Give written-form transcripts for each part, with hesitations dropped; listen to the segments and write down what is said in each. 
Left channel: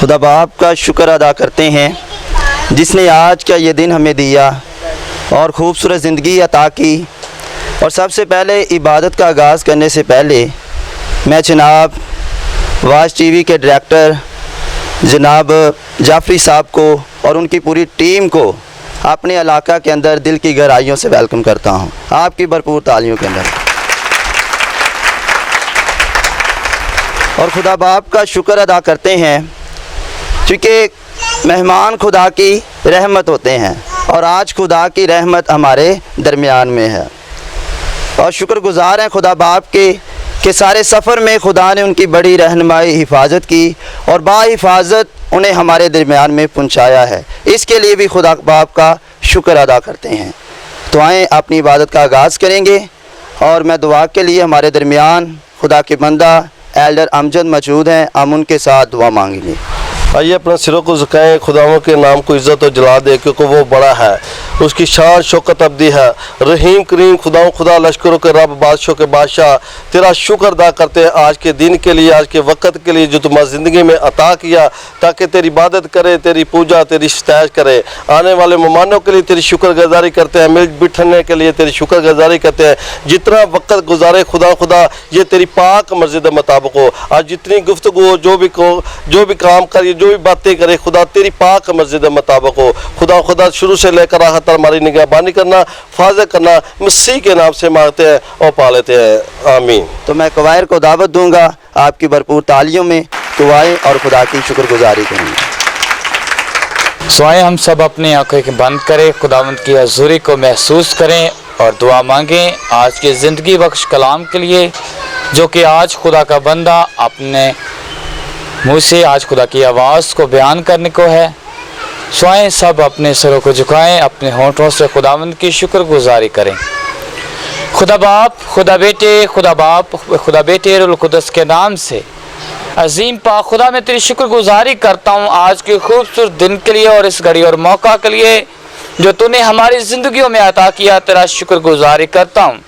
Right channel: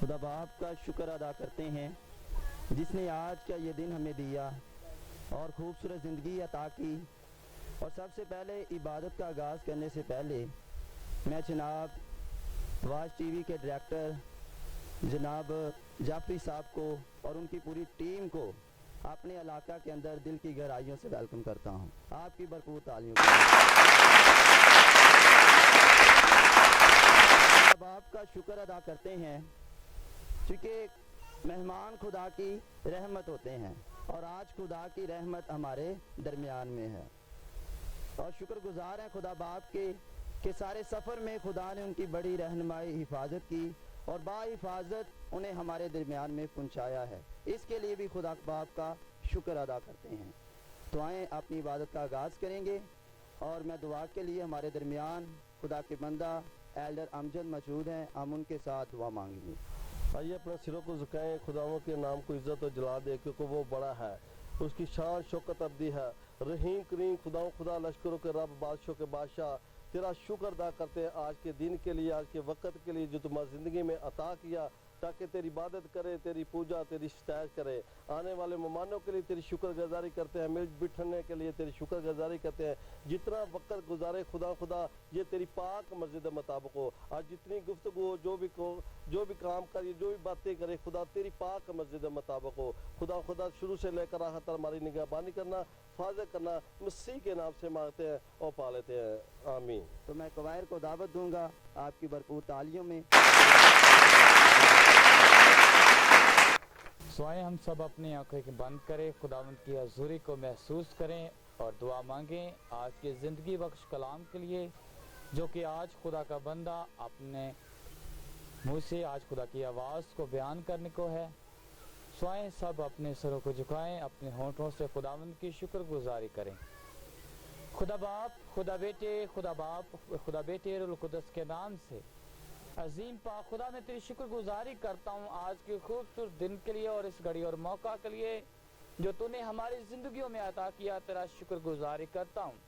खुदा बाप का शुक्र अदा करते हैं जिसने आज का ये दिन हमें दिया और ख़ूबसूरत ज़िंदगी अता की। और सबसे पहले इबादत का आगाज़ करने से पहले मैं जनाब वाज टीवी के डायरेक्टर जनाब जाफरी साहब को और उनकी पूरी टीम को अपने इलाका के अंदर दिल की गहराइयों से वेलकम करता हूं, आपकी भरपूर तालियों के अंदर। और खुदा बाप का शुक्र अदा करते हैं क्योंकि मेहमान खुदा की रहमत होते हैं और आज खुदा की रहमत हमारे दरमियान में है। और शुक्रगुज़ार हैं खुदा बाप के सारे सफ़र में खुदा ने उनकी बड़ी रहनुमाई हिफाजत की और बाहिफाजत उन्हें हमारे दरमियान में पहुंचाया है। इसके लिए भी खुदा बाप का शुक्र अदा करते हैं। तो आएँ अपनी इबादत का आगाज़ करेंगे और मैं दुआ के लिए हमारे दरमियान खुदा के बंदा एल्डर अमजद मौजूद हैं, हम उनके साथ दुआ मांगेंगे। आइए अपने सिरों को झुकाएं, खुदाओं के नाम को इज़्ज़त और जला दे क्योंकि वो बड़ा है, उसकी शान शौकत अब्दी है। रहीम करीम खुदाओं खुदा लश्करों के रब बादशाहों के बादशाह, तेरा शुक्र अदा करते हैं आज के दिन के लिए, आज के वक्त के लिए जो तुम्हारी ज़िंदगी में अता किया ताकि तेरी इबादत करे, तेरी पूजा, तेरी सताइश करे। आने वाले मेहमानों के लिए तेरी शुक्रगुजारी करते हैं, मिल बिठने के लिए तेरी शुक्रगुजारी करते हैं। जितना वक्त गुजारे खुदा ये तेरी पाक मर्ज़ी के मुताबिक हो। आज जितनी गुफ्तगू हो, जो भी काम करिए, जो भी बातें करे खुदा तेरी पाक मर्ज़ी के मुताबिक हो। खुदा शुरू से लेकर आखिर तक हमारी निगहबानी करना, फाज़ करना, मसीह के नाम से मांगते हैं और पा लेते हैं, आमीन। तो मैं कवायर को दावत दूंगा आपकी भरपूर तालियों में दुआएं और खुदा की शुक्रगुजारी करेंगे। सो आए हम सब अपनी आंखें बंद करें, खुदावंद की हज़ूरी को महसूस करें और दुआ मांगें आज के ज़िंदगी बख्श कलाम के लिए जो कि आज खुदा का बंदा अपने मुँह से आज खुदा की आवाज़ को बयान करने को है। स्वाएं सब अपने सरों को झुकाएं, अपने होंठों से खुदावंद की शुक्रगुजारी करें। खुदा बाप, खुदा बेटे, खुदा बाप, खुदा बेटे रूहुल कुद्दस के नाम से अजीम पाक खुदा मैं तेरी शुक्रगुजारी करता हूँ आज के खूबसूरत दिन के लिए और इस घड़ी और मौका के लिए जो तूने हमारी ज़िंदगियों में अता किया। तेरा शुक्रगुजारी करता हूँ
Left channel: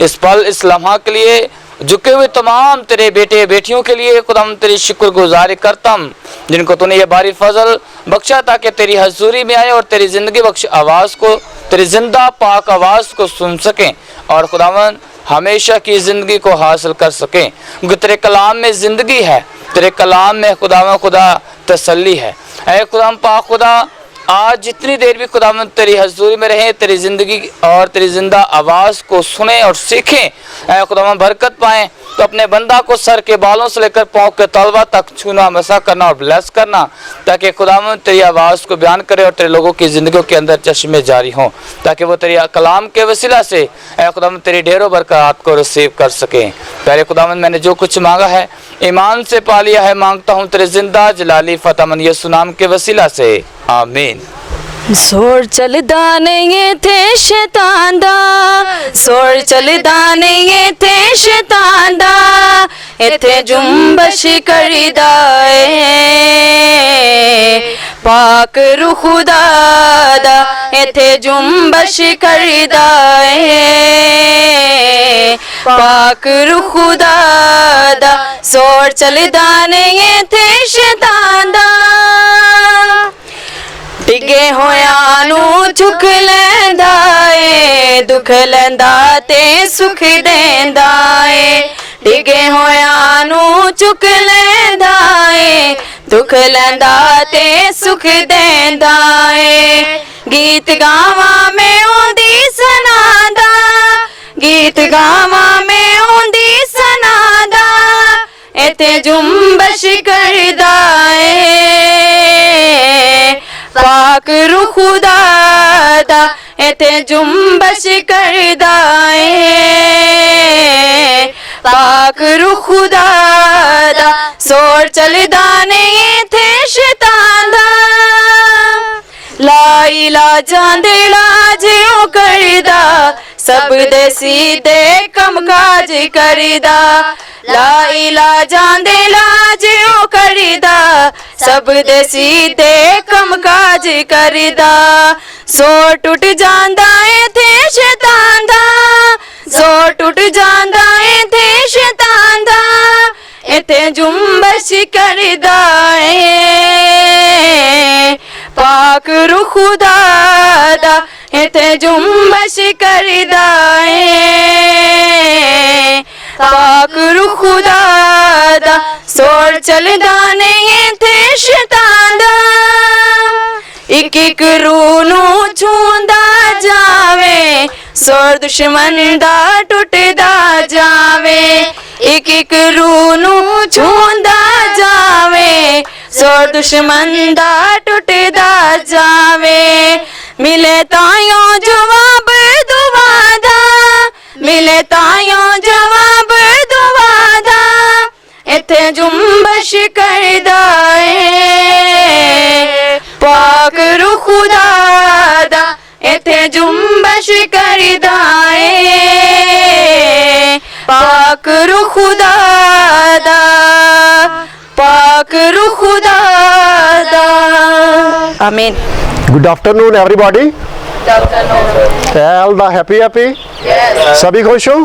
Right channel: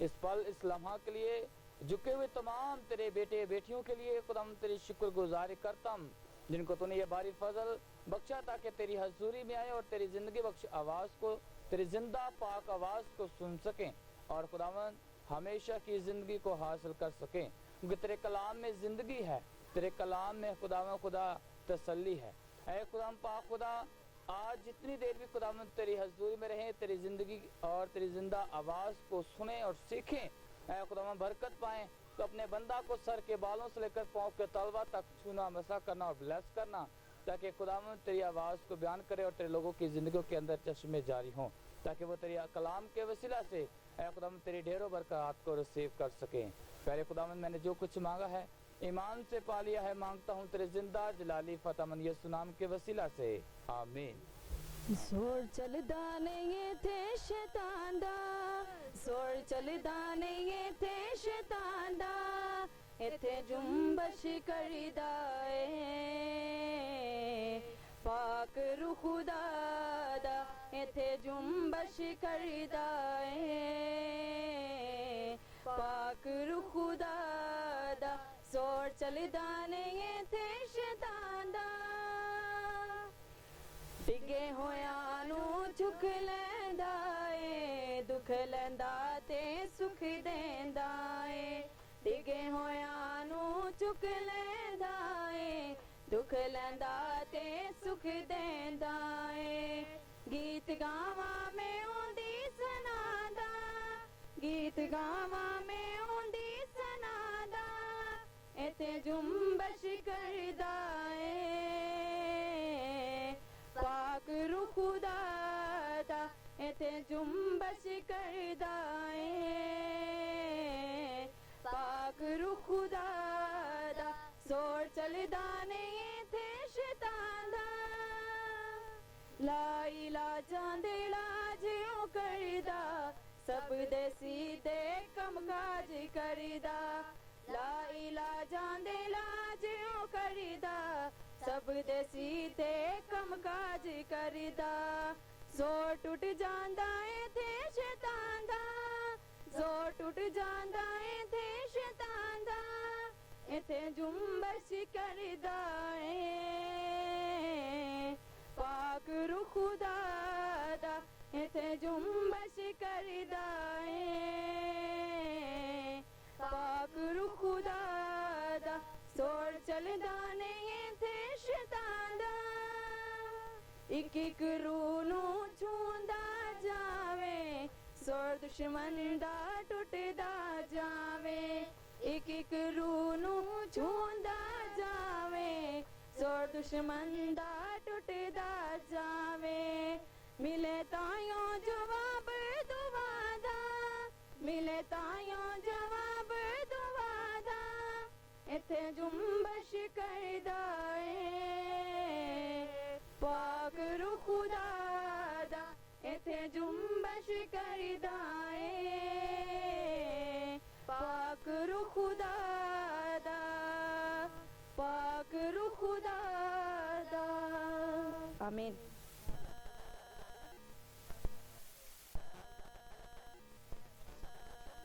इस पल, इस लम्हा के लिए, झुके हुए तमाम तेरे बेटे बेटियों के लिए खुदा तेरी शुक्रगुजारी करता हूँ जिनको तूने ये बारी फजल बख्शा ताकि तेरी हजूरी में आए और तेरी ज़िंदगी बख्श आवाज़ को, तेरी जिंदा पाक आवाज़ को सुन सकें और खुदावन हमेशा की ज़िंदगी को हासिल कर सकें। क्योंकि तेरे कलाम में ज़िंदगी है, तेरे कलाम में खुदा तसल्ली है। ऐ खुदा पाक खुदा आज जितनी देर भी खुदावंद तेरी हजूरी में रहें, तेरी ज़िंदगी और तेरी ज़िंदा आवाज़ को सुने और सीखें। खुदावंद बरकत पाएँ तो अपने बंदा को सर के बालों से लेकर पाँव के तलवा तक छूना, मसा करना और ब्लेस करना ताकि खुदावंद तेरी आवाज़ को बयान करे और तेरे लोगों की ज़िंदगियों के अंदर चश्मे जारी हों ताकि वो तेरी कलाम के वसीला से खुदावंद तेरी ढेरों बरकत को रिसीव कर सकें। पहले खुदावंद मैंने जो कुछ मांगा है ईमान से पा लिया है, मांगता हूँ तेरे जिंदा जलाली फतेहमंद यीशु नाम के वसीला से, आमीन। सोर चलदा नहीं थे शैतान दा, सोर चलदा नहीं थे शैतान दा, इथे जुम्बश करीदा पाक रूह खुदा दा, इथे जुम्बश करीदा पाक रूह खुदा दा, सोर चलदा नहीं थे शैतान दा, डिगे होया नू चुक लैंदा ए, दुख लैंदा ते सुख देंदा ए, डिगे होया नू चुक लैंदा ए, दुख लैंदा ते सुख देंदा ए। गीत गावा में ओंदी सनादा, गीत गावा में ओंदी सनादा, इते जुम्बश करदा ए पाक रूह खुदा दा, इते जुम्बश करदा पाक रूह खुदा दा, सोर चलदा नहीं थे शैतान दा, ला इलाजां दे इलाज ओ करदा, सब दे सीधे कम काज करदा, ला इलाजां दे इलाज ओ करदा, सब दे सीधे कम काज करदा, जोर टूट जांदा ए थे शैतान दा, जोर टूट जांदा ए थे शैतान दा, इथे जुम्बश करदा ए पाक रू खुदा दा इथे जुम्बश करदा है पाक रू खुदा दा सोर चलदा नहीं इथे शैतान दा एक एक रूह नू छूंदा जावे सोर दुश्मन दा टुटदा जावे एक एक रूह नू छूंदा जावे सोर दुश्मन दा टुटदा जावे मिले तायों जवाब दुआ दा मिले तायों जवाब दुआ दा इथे जुम्बश करदा है पाक रू खुदा दा इथे जुम्बश करदा है पाक रू खुदा दा पाक रू खुदा दा आमीन good afternoon everybody all the happy सभी खुश हो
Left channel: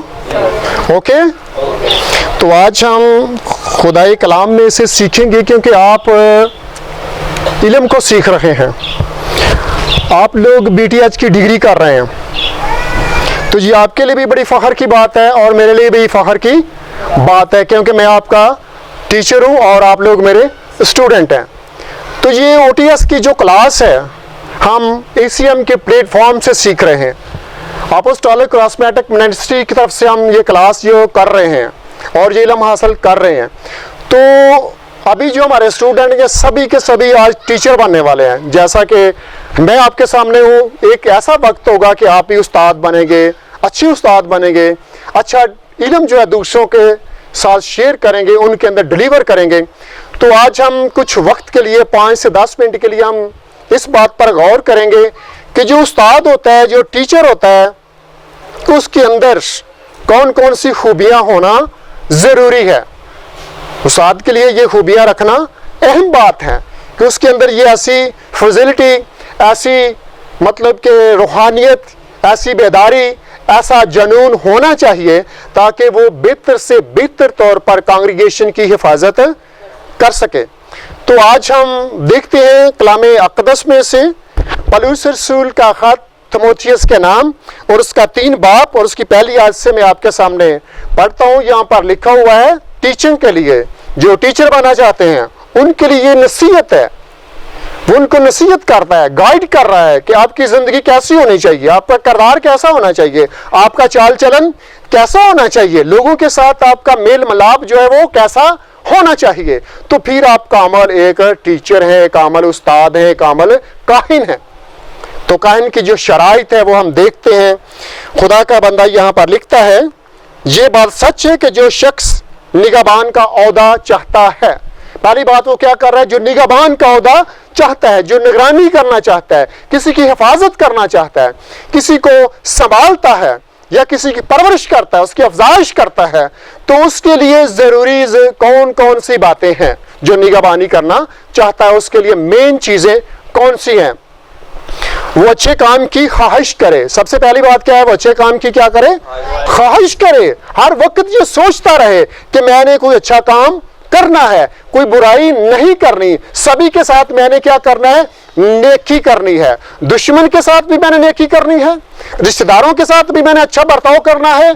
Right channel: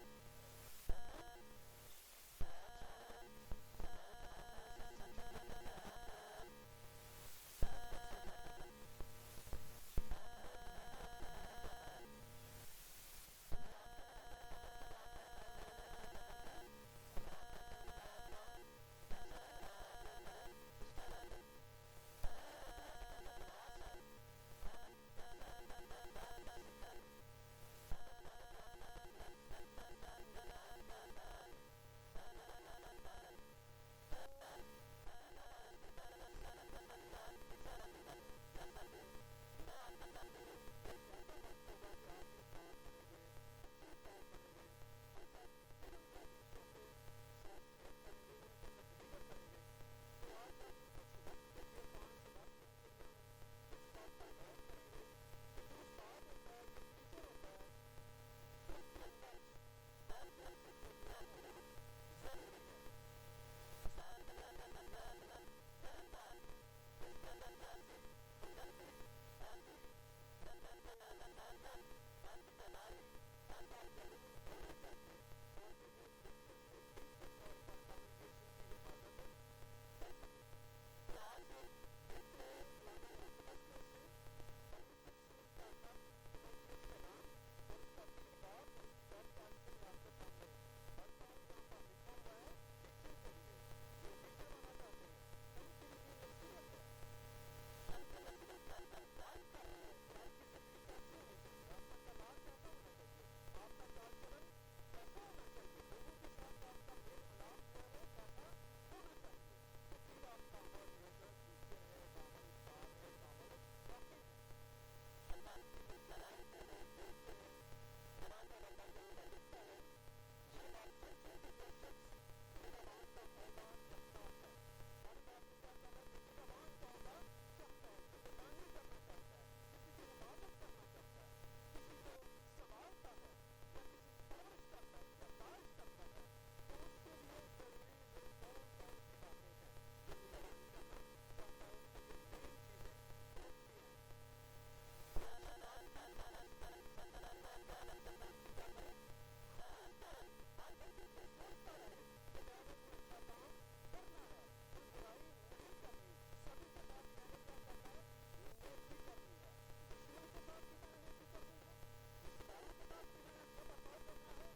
ओके तो आज हम खुदाई कलाम में से सीखेंगे क्योंकि आप इल्म को सीख रहे हैं आप लोग BTH की डिग्री कर रहे हैं तो ये आपके लिए भी बड़ी फ़ख्र की बात है और मेरे लिए भी फ़ख्र की बात है क्योंकि मैं आपका टीचर हूँ और आप लोग मेरे स्टूडेंट हैं। तो ये OTS की जो क्लास है हम ACM के प्लेटफॉर्म से सीख रहे हैं अपोस्टोलिक क्रॉसमेटिक मिनिस्ट्री की तरफ से हम ये क्लास जो कर रहे हैं और ये इल्म हासिल कर रहे हैं। तो अभी जो हमारे स्टूडेंट ये सभी के सभी आज टीचर बनने वाले हैं जैसा कि मैं आपके सामने हूँ। एक ऐसा वक्त होगा कि आप भी उस्ताद बनेंगे अच्छे उस्ताद बनेंगे अच्छा इल्म जो है दूसरों के साथ शेयर करेंगे उनके अंदर डिलीवर करेंगे। तो आज हम कुछ वक्त के लिए 5 से 10 मिनट के लिए हम इस बात पर गौर करेंगे कि जो उस्ताद होता है जो टीचर होता है उसके अंदर कौन कौन सी खूबियां होना ज़रूरी है। उस्ताद के लिए ये खूबियां रखना अहम बात है कि उसके अंदर ये ऐसी फजिलिटी ऐसी मतलब कि रूहानियत ऐसी बेदारी ऐसा जनून होना चाहिए ताकि वो बेहतर से बेहतर तौर पर कांग्रीगेशन की हिफाजत कर सके। तो आज हम देखते हैं कलाम अक़दस में से पौलुस रसूल का ख़त तीमुथियुस के नाम और उसका 3 बाब और उसकी पहली आयत से मैं आपके सामने पढ़ता हूँ। यहाँ पर लिखा हुआ है टीचिंग के लिए जो टीचर बनना चाहते हैं उनके लिए ये नसीहत है वो उनको नसीहत करता है गाइड कर रहा है कि आपकी ज़िंदगी कैसी होनी चाहिए आपका किरदार कैसा होना चाहिए आपका चाल चलन कैसा होना चाहिए लोगों के साथ आपका मेल मिलाप जो है वो कैसा होना चाहिए। तो फिर आप कामल एक टीचर है एक कामल उस्ताद है एक कामल काहिन है। तो काहिन की जो शराइत है वो हम देखते हैं। खुदा का बंदा यहाँ पर लिखता है ये बात सच है कि जो शख्स निगहबान का ओहदा चाहता है पहली बात वो क्या कर रहा है जो निगहबान का ओहदा चाहता है जो निगरानी करना चाहता है किसी की हिफाजत करना चाहता है किसी को संभालता है या किसी की परवरिश करता है उसकी अफजाइश करता है तो उसके लिए ज़रूरी कौन कौन सी बातें हैं जो निगहबानी करना चाहता है उसके लिए मेन चीज़ें कौन सी हैं। वो अच्छे काम की ख्वाहिश करे। सबसे पहली बात क्या है वो अच्छे काम की क्या करे ख्वाहिश करे हर वक्त ये सोचता रहे कि मैंने कोई अच्छा काम करना है कोई बुराई नहीं करनी सभी के साथ मैंने क्या करना है नेकी करनी है दुश्मन के साथ भी मैंने नेकी करनी है रिश्तेदारों के साथ भी मैंने अच्छा बर्ताव करना है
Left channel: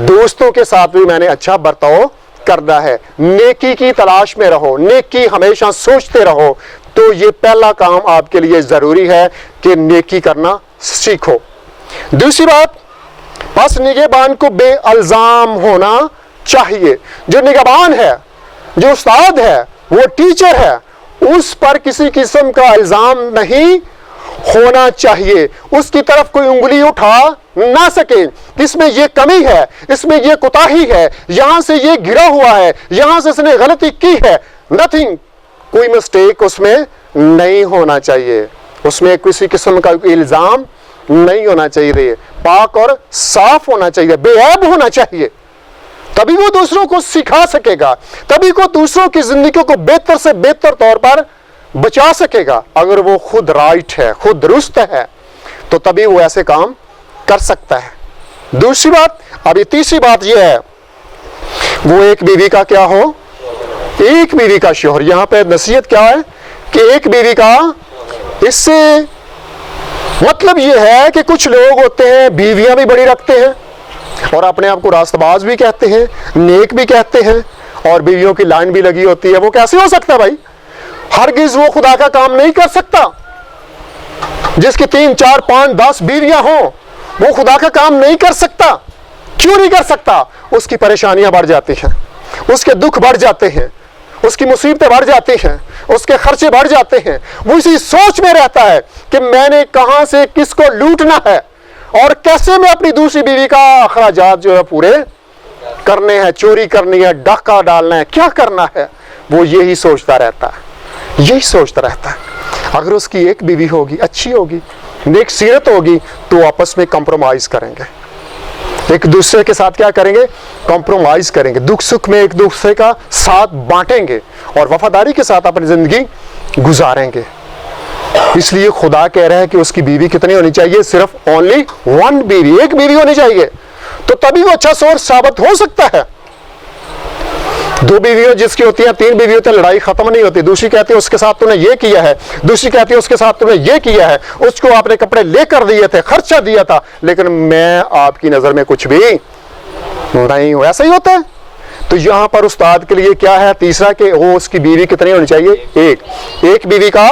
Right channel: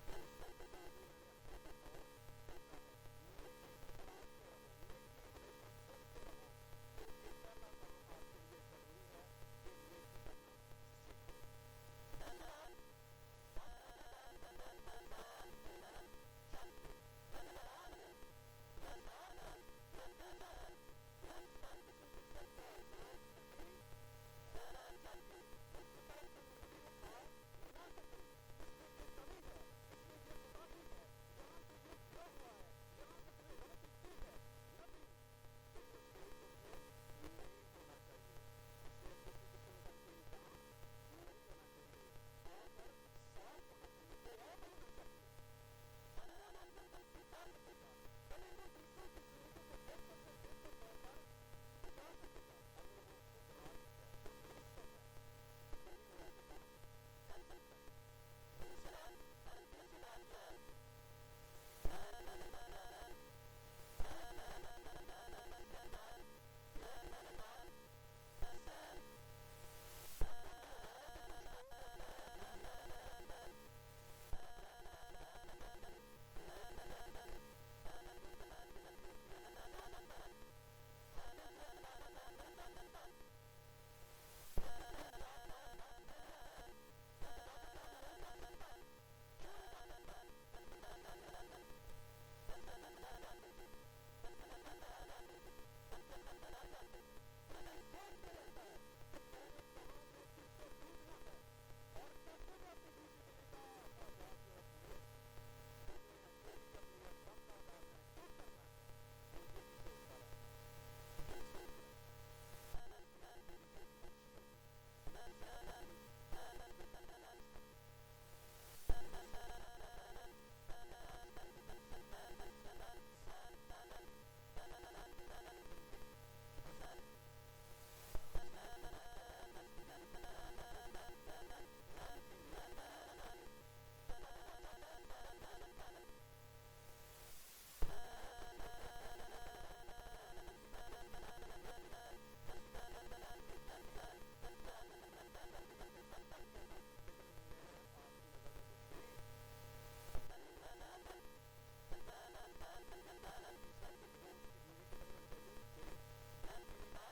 दोस्तों के साथ भी मैंने अच्छा बर्ताव करना है। नेकी की तलाश में रहो नेकी हमेशा सोचते रहो। तो ये पहला काम आपके लिए ज़रूरी है कि नेकी करना सीखो। दूसरी बात बस निगहबान को बेअल्ज़ाम होना चाहिए। जो निगहबान है जो उस्ताद है वो टीचर है उस पर किसी किस्म का इल्ज़ाम नहीं होना चाहिए उसकी तरफ कोई उंगली उठा ना सके इसमें ये कमी है इसमें ये कोताही है यहाँ से ये गिरा हुआ है यहाँ से इसने गलती की है नथिंग कोई मिस्टेक उसमें नहीं होना चाहिए उसमें किसी किस्म का इल्ज़ाम नहीं होना चाहिए पाक और साफ होना चाहिए बेऐब होना चाहिए तभी वो दूसरों को सिखा सकेगा तभी को दूसरों की जिंदगी को बेहतर से बेहतर तौर पर बचा सकेगा। अगर वो खुद राइट है खुद दुरुस्त है तो तभी वो ऐसे काम कर सकता है। दूसरी बात अभी तीसरी बात ये है वो एक बीवी का क्या हो एक बीवी का शोहर। यहाँ पे नसीहत क्या है कि एक बीवी का इससे मतलब ये है कि कुछ लोग होते हैं बीवियां भी बड़ी रखते हैं और अपने आप को रास्तबाज भी कहते हैं, नेक भी कहते हैं, और बीवियों की लाइन भी लगी होती है। वो कैसे हो सकता है भाई? हरगिज वो खुदा का काम नहीं कर सकता। जिसकी 3, 4, 5, 10 बीवियां हों वो खुदा का काम नहीं कर सकता। क्यों नहीं कर सकता? उसकी परेशानियां बढ़ जाती हैं, उसके दुख बढ़ जाते हैं, उसकी मुसीबतें बढ़ जाती हैं, उसके खर्चे बढ़ जाते हैं। वो इसी सोच में रहता है कि मैंने कहां से किसको लूटना है और कैसे मैं अपनी दूसरी बीवी का अखराजात जो है पूरे करने हैं, चोरी करनी है, डाका डालना है, क्या करना है, वो यही सोचता रहता है, यही सोचता रहता है। अगर उसकी एक बीवी होगी, अच्छी होगी, नेक सीरत होगी, तो आपस में कंप्रोमाइज करेंगे, एक दूसरे के साथ क्या करेंगे? कॉम्प्रोमाइज करेंगे, दुख सुख में एक दूसरे का साथ बांटेंगे और वफादारी के साथ अपनी जिंदगी गुजारेंगे। इसलिए खुदा कह रहा है कि उसकी बीवी कितनी होनी चाहिए? सिर्फ ओनली 1 बीवी, एक बीवी होनी चाहिए। तो तभी वो अच्छा सोर्स साबित हो सकता है। 2 बीवियों जिसकी होती है, 3 बीवी होती है, लड़ाई खत्म नहीं होती। दूसरी कहती है उसके साथ तूने ये किया है, दूसरी कहती है उसके साथ तूने ये किया है, उसको आपने कपड़े लेकर दिए थे, खर्चा दिया था, लेकिन मैं आपकी नजर में कुछ भी नहीं हूं। ऐसा ही होता है। तो यहां पर उस्ताद के लिए क्या है? तीसरा कि वो उसकी बीवी कितनी होनी चाहिए? एक बीवी का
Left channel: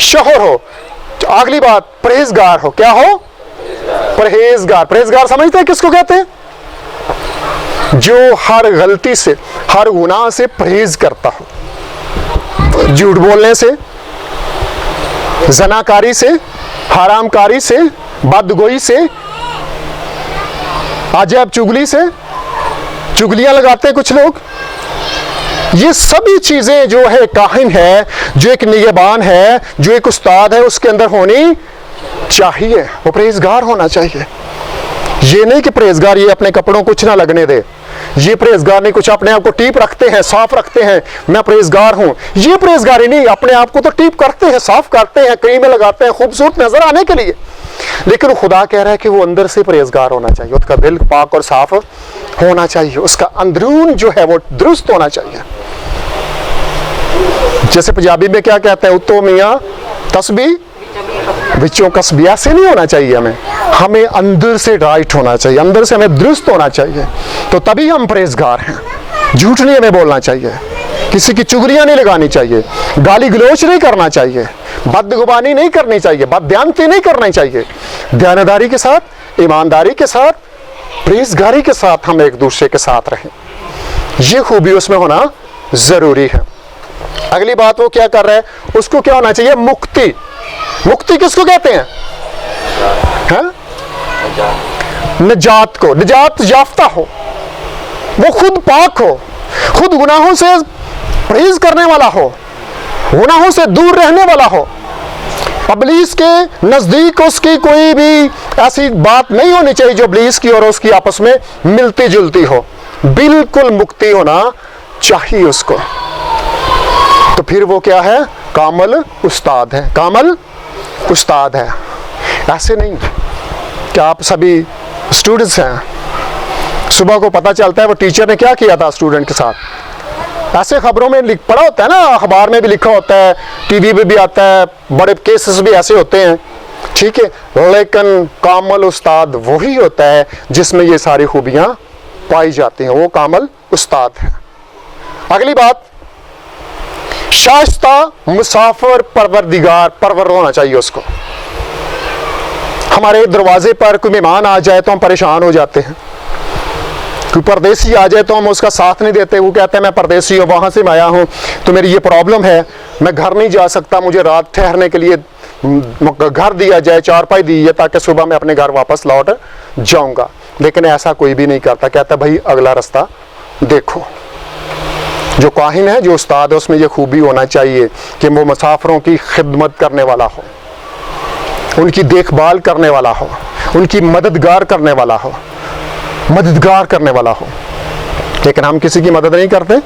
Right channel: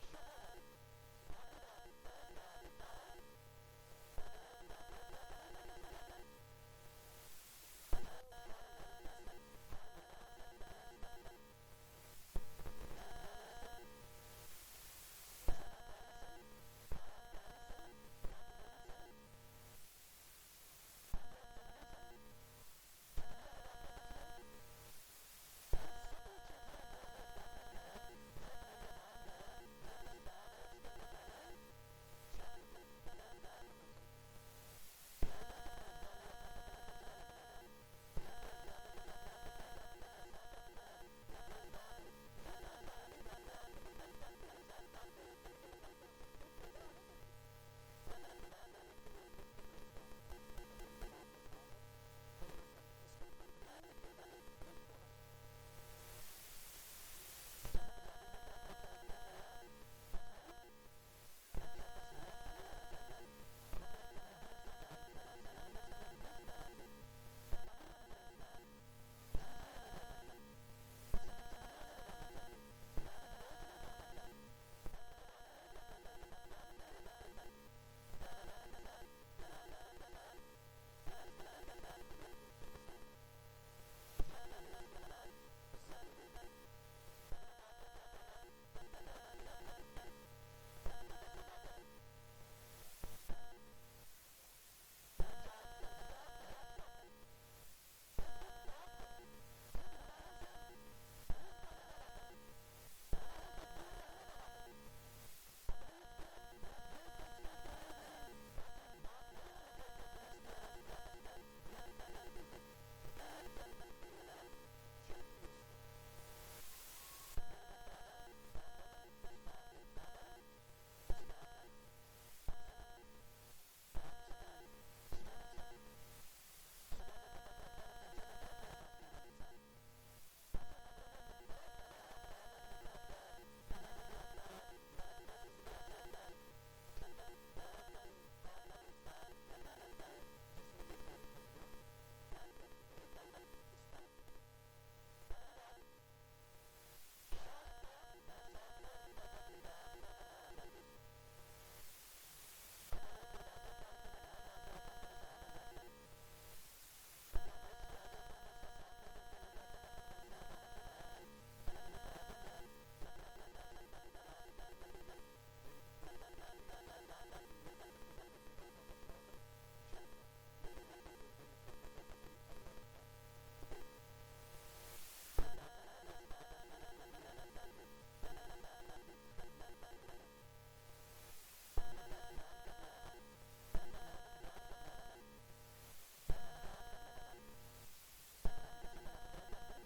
शौहर हो। अगली बात, परहेजगार हो। क्या हो? परहेजगार। परहेजगार समझते हैं किसको कहते हैं? जो हर गलती से, हर गुनाह से परहेज करता हो, झूठ बोलने से, जनाकारी से, हरामकारी से, बदगोई से, अजब चुगली से, चुगलियां लगाते हैं कुछ लोग। ये सभी चीजें जो है काहिन है, जो एक निगहबान है, जो एक उस्ताद है, उसके अंदर होनी चाहिए। वो परहेजगार होना चाहिए। ये नहीं कि परहेजगार ये अपने कपड़ों कुछ ना लगने दे, ये परहेजगार नहीं कुछ अपने आप को टीप रखते हैं, साफ रखते हैं, मैं परहेजगार हूं। ये परहेजगारी नहीं, अपने आप को तो टीप करते हैं, साफ करते हैं, क्रीमें लगाते हैं खूबसूरत नजर आने के लिए, लेकिन खुदा कह रहा है कि वो अंदर से परहेजगार होना चाहिए। उसका दिल पाक और साफ होना चाहिए, उसका अंदरून जो है वो दुरुस्त होना चाहिए। जैसे पंजाबी में क्या कहते हैं, उत्तो मियां तस्बी विचों कसबी। ऐसे नहीं होना चाहिए। हमें अंदर से राइट होना चाहिए, अंदर से हमें दुरुस्त होना चाहिए, तो तभी हम परहेजगार हैं। झूठ नहीं हमें बोलना चाहिए, किसी की चुगलियां नहीं लगानी चाहिए, गाली गलोच नहीं करना चाहिए, बदगुबानी नहीं करनी चाहिए, बदध्यानती नहीं करनी चाहिए। ध्यानदारी के साथ, ईमानदारी के साथ, परहेजगारी के साथ हम एक दूसरे के साथ रहें। ये खूबी उसमें होना जरूरी है। अगली बात वो क्या कर रहा है? उसको क्या होना चाहिए? मुक्ति। मुक्ति किसको कहते हैं? निजात को। निजात याफ्ता हो, वो खुद पाक हो, खुद गुनाहों से परहेज करने वाला हो, गुनाहों से दूर रहने वाला हो, इब्लीस के नजदीक उसकी कोई भी ऐसी बात नहीं होनी चाहिए जो इब्लीस की और उसकी आपस में मिलती जुलती हो। बिल्कुल मुक्ति होना चाहिए उसको। तो फिर वो क्या है? कामल उस्ताद है। कामल उस्ताद है। ऐसे नहीं कि आप सभी स्टूडेंट्स हैं, सुबह को पता चलता है वो टीचर ने क्या किया था स्टूडेंट के साथ। ऐसे खबरों में लिख पड़ा होता है ना, अखबार में भी लिखा होता है, टीवी पे भी आता है, बड़े केसेस भी ऐसे होते हैं, ठीक है। लेकिन कामल उस्ताद वही होता है जिसमें ये सारी खूबियां पाई जाती हैं, वो कामल उस्ताद है। अगली बात, शाइस्ता मुसाफिर परवरदिगार, परवर होना चाहिए उसको। हमारे दरवाजे पर कोई मेहमान आ जाए तो हम परेशान हो जाते हैं, कोई परदेसी आ जाए तो हम उसका साथ नहीं देते। वो कहते हैं मैं परदेसी हूँ, वहाँ से मैं आया हूँ, तो मेरी ये प्रॉब्लम है, मैं घर नहीं जा सकता, मुझे रात ठहरने के लिए घर दिया जाए, चारपाई दी है, ताकि सुबह मैं अपने घर वापस लौट जाऊँगा। लेकिन ऐसा कोई भी नहीं करता, कहता भाई अगला रास्ता देखो। जो काहिन है, जो उस्ताद है, उसमें ये खूबी होना चाहिए कि वो मुसाफिरों की खिदमत करने वाला हो, उनकी देखभाल करने वाला हो, उनकी मददगार करने वाला हो, मददगार करने वाला हो। लेकिन हम किसी की मदद नहीं करते।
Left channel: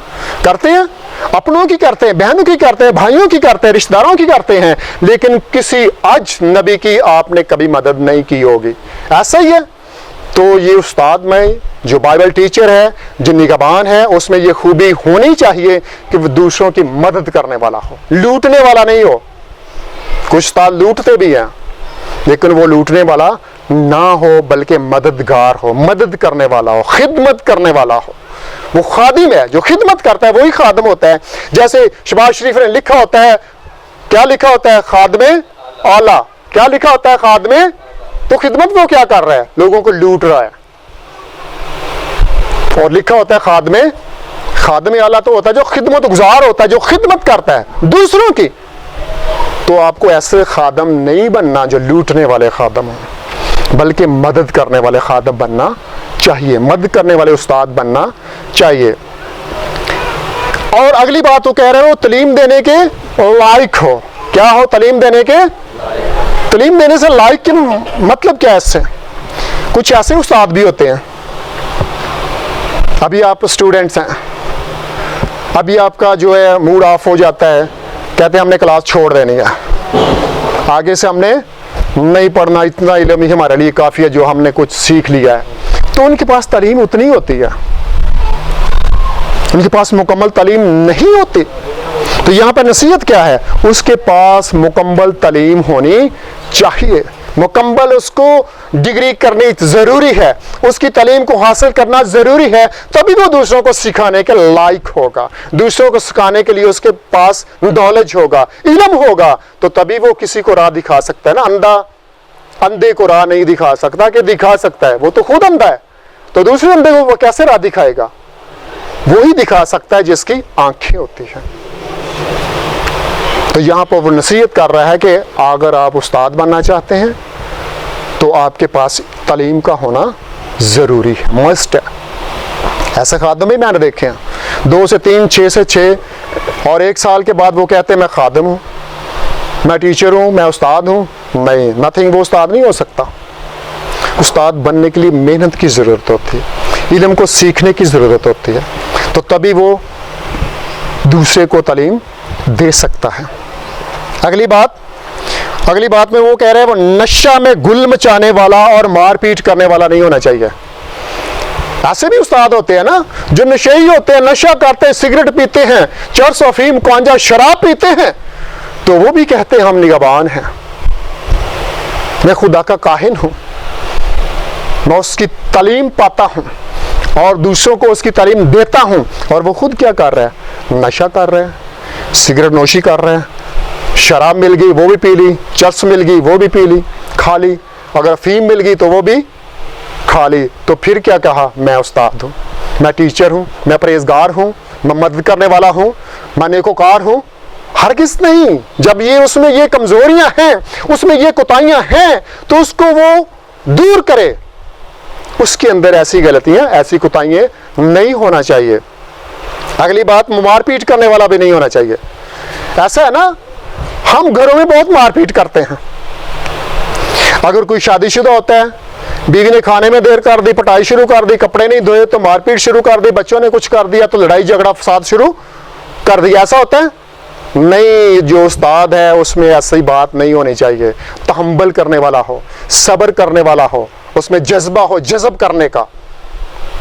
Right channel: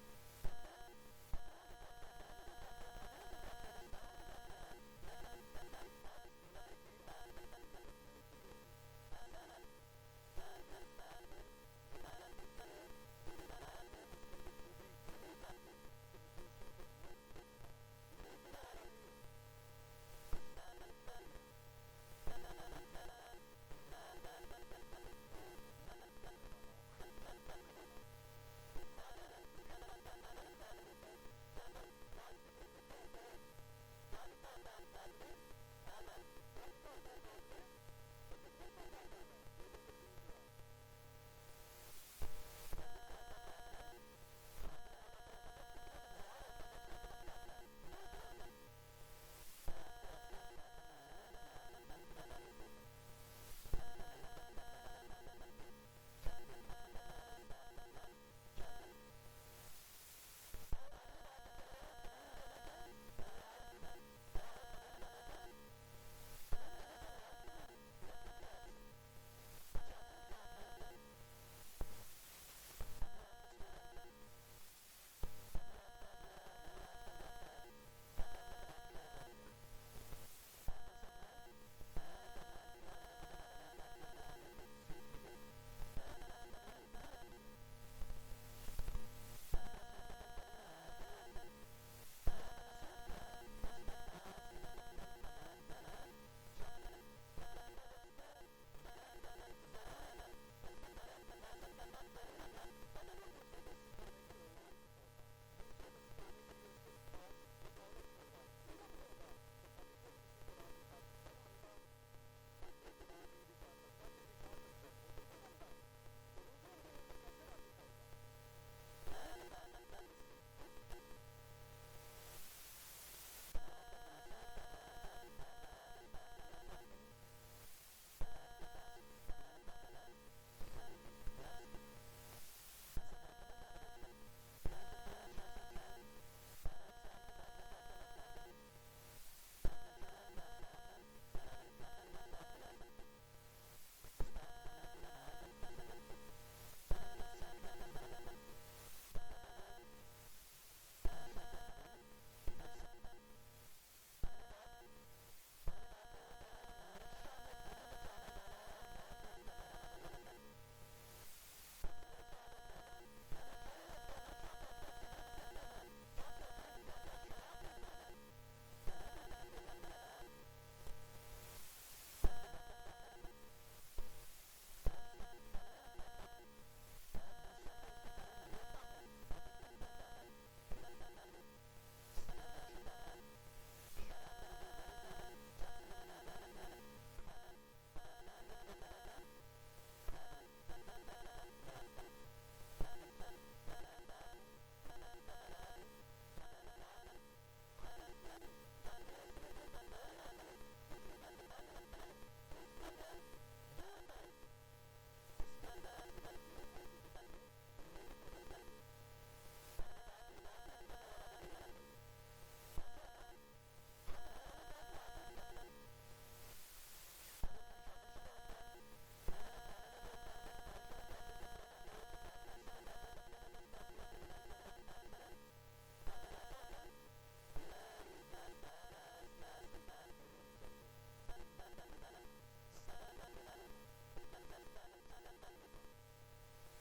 करते हैं अपनों की, करते हैं बहनों की, करते हैं भाइयों की, करते हैं रिश्तेदारों की करते हैं, लेकिन किसी अजनबी की आपने कभी मदद नहीं की होगी। ऐसा ही है। तो ये उस्ताद में जो बाइबल टीचर है, जो निगहबान है, उसमें ये खूबी होनी चाहिए कि वो दूसरों की मदद करने वाला हो, लूटने वाला नहीं हो। कुछ उस्ताद लूटते भी हैं, लेकिन वो लूटने वाला ना हो, बल्कि मददगार हो, मदद करने वाला हो, खिदमत करने वाला हो। वो खादिम है, जो खिदमत करता है वही खादिम होता है। जैसे शबाज शरीफ ने लिखा होता है, क्या लिखा होता है? खादमे आला। क्या लिखा होता है? खादमे। तो खिदमत वो क्या कर रहा है? लोगों को लूट रहा है। और लिखा होता है खादमे आला तो होता है जो खिदमत गुजार होता है, जो खिदमत करता है दूसरों की। तो आपको ऐसे खादम नहीं बनना जो लूटने वाले खादम हो, बल्कि मदद करने वाले खादम बनना चाहिए, मदद करने वाले उस्ताद बनना चाहिए। और अगली बात वो कह रहे हो, तालीम देने के लायक हो। क्या हो? तालीम देने के, तालीम देने से लायक के मतलब क्या है? इससे कुछ ऐसे उस्ताद भी होते हैं, अभी आप स्टूडेंट्स हैं, अभी आपका जो है मूड ऑफ हो जाता है, कहते हैं हमने क्लास छोड़ देनी है, आगे से हमने नहीं पढ़ना, इतना इल्म ही हमारे लिए काफ़ी है जो हमने कुछ सीख लिया है। तो उनके पास तालीम उतनी होती है, उनके पास मुकम्मल तालीम नहीं होती। तो यहाँ पर नसीहत क्या है? उसके पास मुकम्मल तालीम होनी चाहिए, मुकम्मल उसको डिग्री करनी ज़रूरी है, उसकी तालीम को हासिल करना ज़रूरी है, तभी वो दूसरों को सिखाने के लायक होगा, दूसरों को सिखाने के लिए उसके पास नॉलेज होगा, इल्म होगा, तो तभी वो किसी को राह दिखा सकता है ना। अंधे को राह नहीं दिखा सकता, कि दिखा सकता है, वो तो खुद अंधा है, तो दूसरे अंधे को वो कैसे राह दिखाएगा? वही दिखा सकता है जिसकी आंखें होती हैं। तो यहाँ पर वो नसीहत कर रहा है कि अगर आप उस्ताद बनना चाहते हैं तो आपके पास तालीम का होना ज़रूरी है, मस्ट है। ऐसे खादम भी मैंने देखे हैं, 2 से 3, 6 से 6, और 1 साल के बाद वो कहते हैं मैं खादम हूँ, मैं टीचर हूँ, मैं उस्ताद हूँ। नहीं, नथिंग, वो उस्ताद नहीं हो सकता। उस्ताद बनने के लिए मेहनत की ज़रूरत होती है, इल्म को सीखने की ज़रूरत होती है, तो तभी वो दूसरे को तालीम दे सकता है। अगली बात में वो कह रहे हैं, वो नशा में गुल मचाने वाला और मारपीट करने वाला नहीं होना चाहिए। ऐसे भी उस्ताद होते हैं ना जो नशेई होते हैं, नशा करते हैं, सिगरेट पीते हैं, चरस, अफीम, गांजा, शराब पीते हैं, तो वो भी कहते हैं हम निगहबान हैं, मैं खुदा का काहिन हूं, मैं उसकी तालीम पाता हूं और दूसरों को उसकी तालीम देता हूं। और वो खुद क्या कर रहा है? नशा कर रहा है, सिगरेट नोशी कर रहे हैं, शराब मिल गई वो भी पी ली, चरस मिल गई वो भी पी ली, खा ली, अगर अफीम मिल गई तो वो भी खा ली। तो फिर क्या कहा? मैं उस्ताद हूँ, मैं टीचर हूँ, मैं परहेजगार हूँ, मैं मदद करने वाला हूँ, मैं नेकोकार हूँ। हरगिज़ नहीं। जब ये उसमें ये कमज़ोरियाँ हैं, उसमें ये कोताहियाँ हैं, तो उसको वो दूर करे। उसके अंदर ऐसी गलतियाँ, ऐसी कोताहियाँ नहीं होना चाहिए। अगली बात, मारपीट करने वाला भी नहीं होना चाहिए। ऐसा है ना, हम घरों में बहुत मारपीट करते हैं। अगर कोई शादीशुदा होता है, बीवी ने खाने में देर कर दी, पिटाई शुरू कर दी, कपड़े नहीं धोए तो मारपीट शुरू कर दी, बच्चों ने कुछ कर दिया तो लड़ाई झगड़ा फसाद शुरू कर दिया। ऐसा होता है? नहीं, जो उस्ताद है उसमें ऐसी बात नहीं होनी चाहिए। तहम्मुल करने वाला हो, सब्र करने वाला हो, उसमें जज्बा हो, जज्ब करने का,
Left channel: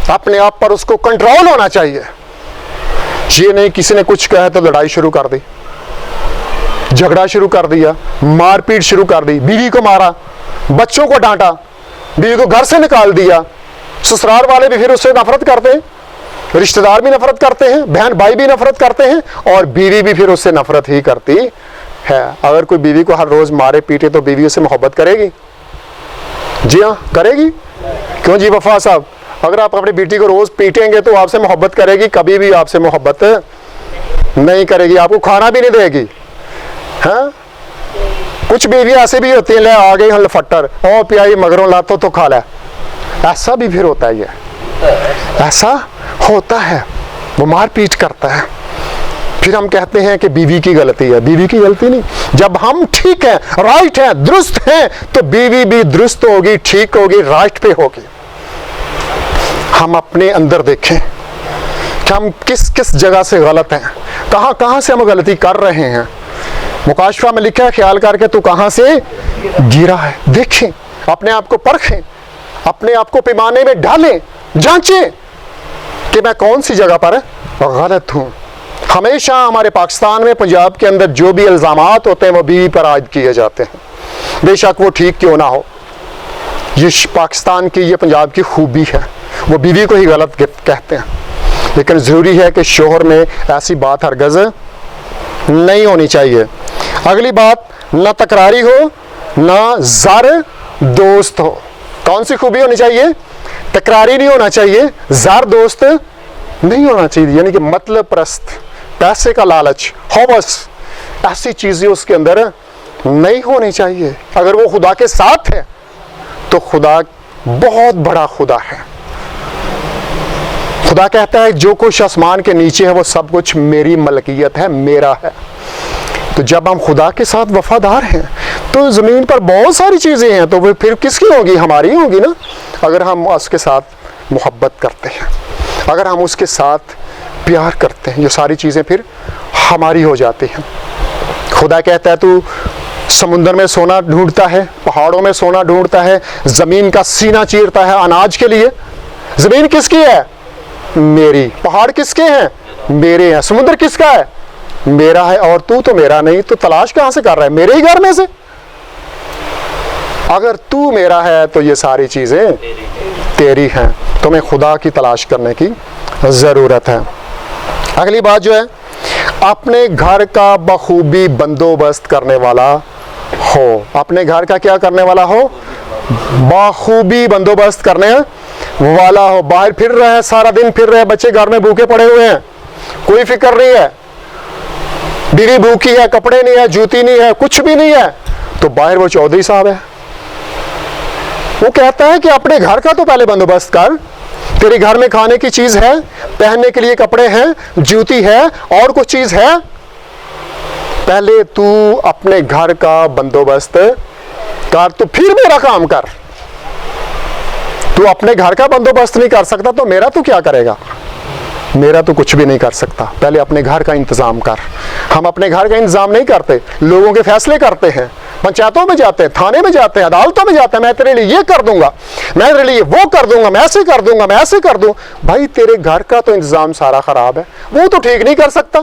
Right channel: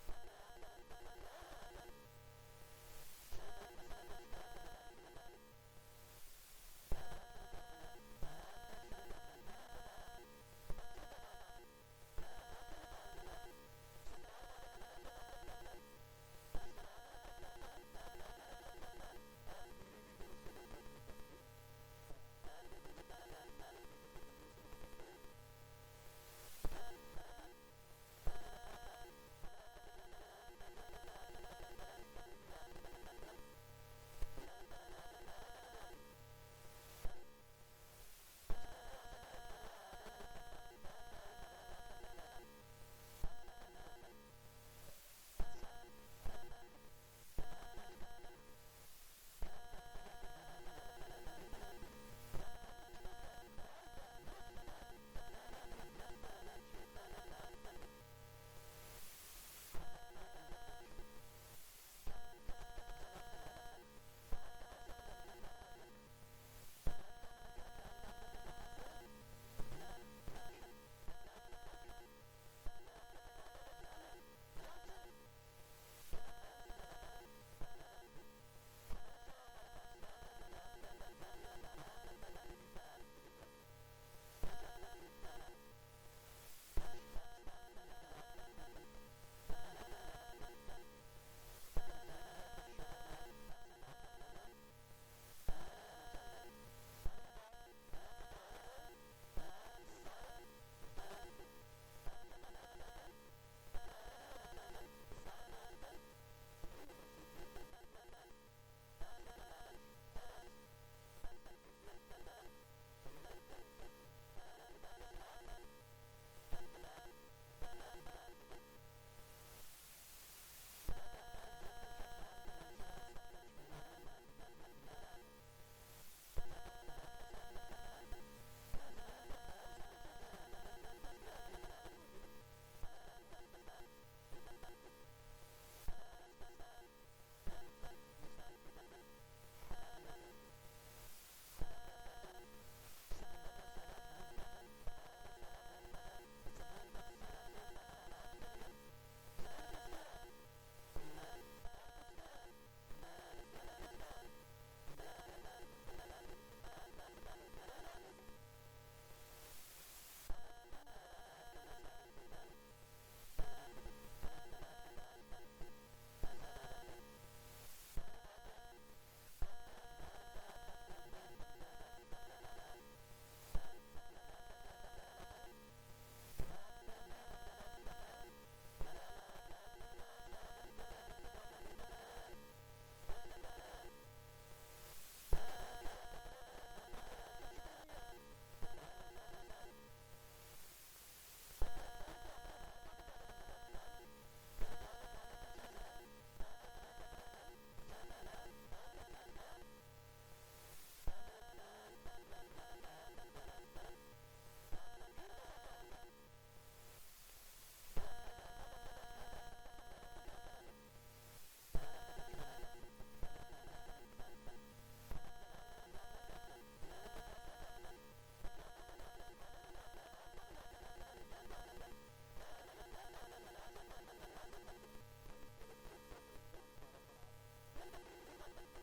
अपने आप पर उसको कंट्रोल होना चाहिए। ये नहीं किसी ने कुछ कहा तो लड़ाई शुरू कर दी, झगड़ा शुरू कर दिया, मारपीट शुरू कर दी, बीवी को मारा, बच्चों को डांटा, बीवी को घर से निकाल दिया। ससुराल वाले भी फिर उससे नफरत करते हैं, रिश्तेदार भी नफरत करते हैं, बहन भाई भी नफरत करते हैं, और बीवी भी फिर उससे नफरत ही करती है। अगर कोई बीवी को हर रोज मारे पीटे तो बीवी उससे मोहब्बत करेगी? जी हाँ, करेगी। क्यों जी वफा साहब? अगर आप अपनी बेटी को रोज पीटेंगे तो आपसे मोहब्बत करेगी? कभी भी आपसे मोहब्बत नहीं करेगी, आपको खाना भी नहीं देगी। हाँ, कुछ बीवी ऐसे भी होती है, ले आ गई लफट्टर, ओ पियाई मगरों लातो तो खा ले। ऐसा भी फिर होता है, ये ऐसा होता है, वो मारपीट करता है। फिर हम कहते हैं कि बीवी की गलती है। बीवी की गलती नहीं, जब हम ठीक हैं, राइट हैं, दुरुस्त हैं, तो बीवी भी दुरुस्त होगी, ठीक होगी, राइट पे होगी। हम अपने अंदर देखें कि हम किस किस जगह से गलत हैं, कहाँ कहाँ से हम गलती कर रहे हैं। मुकाशफा में लिखा है, ख्याल करके तू कहाँ से गिरा है। देखें, अपने आप को परखें, अपने आप को पैमाने में डालें, जांचें कि मैं कौन सी जगह पर गलत हूँ। हमेशा हमारे पाकिस्तान में, पंजाब के अंदर जो भी इल्ज़ामात होते हैं वो बीवी पर आयद किए जाते हैं, बेशक वो ठीक क्यों ना हो। ये पाकिस्तान की, ये पंजाब की खूबी है, वो बीवी को ही गलत कहते हैं। लेकिन ज़रूरी है कि शोहर में ऐसी बात हरगज़ नहीं होनी चाहिए। अगली बात, ना तकरारी हो ना ज़र दोस्त हो। कौन सी खूबी होनी चाहिए? तकरारी नहीं होना चाहिए, ज़र दोस्त नहीं होना चाहिए, यानी कि मतलब परस्त, पैसे का लालच, हौवस, ऐसी चीज़ें उसके अंदर नहीं होनी चाहिए। अगर वो खुदा के साथ है तो खुदा बहुत बड़ा खुदा है। खुदा कहता है जो कुछ आसमान के नीचे है वो सब कुछ मेरी मलकियत है, मेरा है। तो जब हम खुदा के साथ वफादार हैं तो ज़मीन पर बहुत सारी चीज़ें हैं, तो वो फिर किसकी होगी? हमारी होगी ना। अगर हम उसके साथ मोहब्बत करते हैं, अगर हम उसके साथ प्यार करते हैं, ये सारी चीज़ें फिर हमारी हो जाती हैं। खुदा कहता है तू समुंदर में सोना ढूंढता है, पहाड़ों में सोना ढूंढता है, ज़मीन का सीना चीरता है अनाज के लिए। ज़मीन किसकी है? मेरी। पहाड़ किसके हैं? मेरे हैं। समुंदर किसका है? मेरा है। और तू तो मेरा नहीं, तो तलाश कहाँ से कर रहा है? मेरे ही घर में से। अगर तू मेरा है तो ये सारी चीज़ें तेरी हैं। तुम्हें खुदा की तलाश करने की ज़रूरत है। अगली बात जो है, अपने घर का बखूबी बंदोबस्त करने वाला हो। अपने घर का क्या करने वाला हो? बखूबी बंदोबस्त करने वाला हो। बाहर फिर रहे हैं, सारा दिन फिर रहे, बच्चे घर में भूखे पड़े हुए हैं, कोई फिक्र नहीं है, बीवी भूखी है, कपड़े नहीं है, जूती नहीं है, कुछ भी नहीं है, तो बाहर वो चौधरी साहब है। वो कहता है कि अपने घर का तो पहले बंदोबस्त कर। तेरे घर में खाने की चीज है, पहनने के लिए कपड़े हैं, जूती है, और कुछ चीज है, पहले तू अपने घर का बंदोबस्त कर, तो फिर मेरा काम कर। तू अपने घर का बंदोबस्त नहीं कर सकता तो मेरा तू क्या करेगा? मेरा तो कुछ भी नहीं कर सकता। पहले अपने घर का इंतजाम कर। हम अपने घर का इंतजाम नहीं करते, लोगों के फैसले करते हैं, पंचायतों में जाते हैं, थाने में जाते हैं, अदालतों में जाते हैं, मैं तेरे लिए ये कर दूंगा, मैं तेरे लिए वो कर दूंगा, मैं ऐसे कर दूंगा, मैं ऐसे कर दूं। भाई तेरे घर का तो इंतजाम सारा खराब है, वो तो ठीक नहीं कर सकता,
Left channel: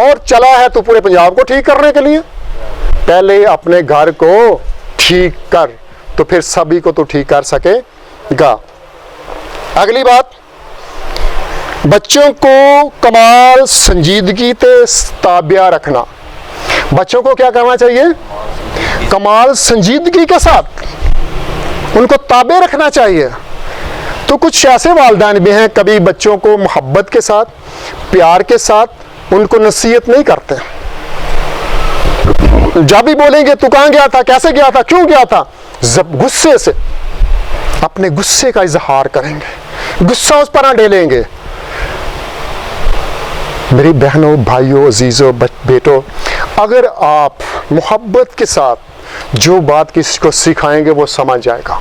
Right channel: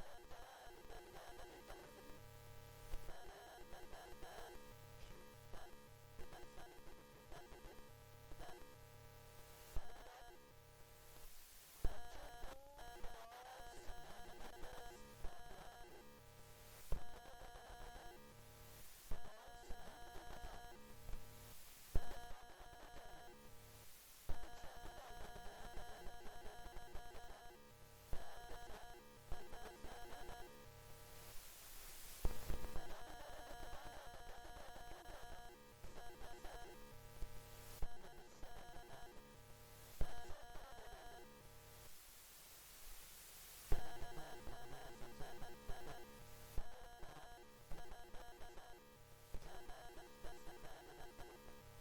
और चला है तो पूरे पंजाब को ठीक करने के लिए। पहले अपने घर को ठीक कर, तो फिर सभी को तो ठीक कर सकेगा। अगली बात, बच्चों को कमाल संजीदगी ते ताबिया रखना। बच्चों को क्या करना चाहिए? कमाल संजीदगी के साथ उनको ताबे रखना चाहिए। तो कुछ ऐसे वालिदैन भी हैं, कभी बच्चों को मोहब्बत के साथ, प्यार के साथ उनको नसीहत नहीं करते। जब भी बोलेंगे तू कहाँ गया था, कैसे गया था, क्यों गया था, जब गुस्से से अपने गुस्से का इजहार करेंगे, गुस्सा उस पर डालेंगे। मेरी बहनों, भाइयों, अजीजों, बेटों, अगर आप मोहब्बत के साथ जो बात किसी को सिखाएंगे वो समझ जाएगा।